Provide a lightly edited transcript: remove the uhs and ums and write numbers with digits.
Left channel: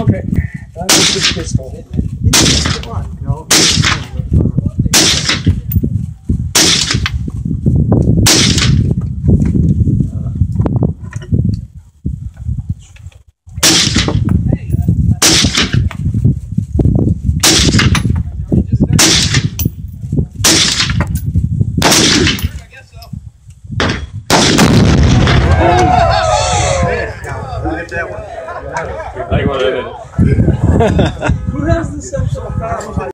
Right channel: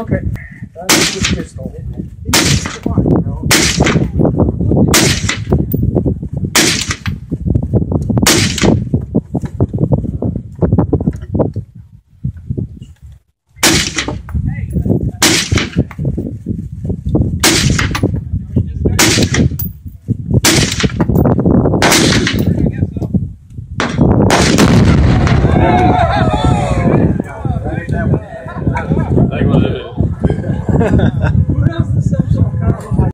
Okay, that's just pistol. Who has the sense of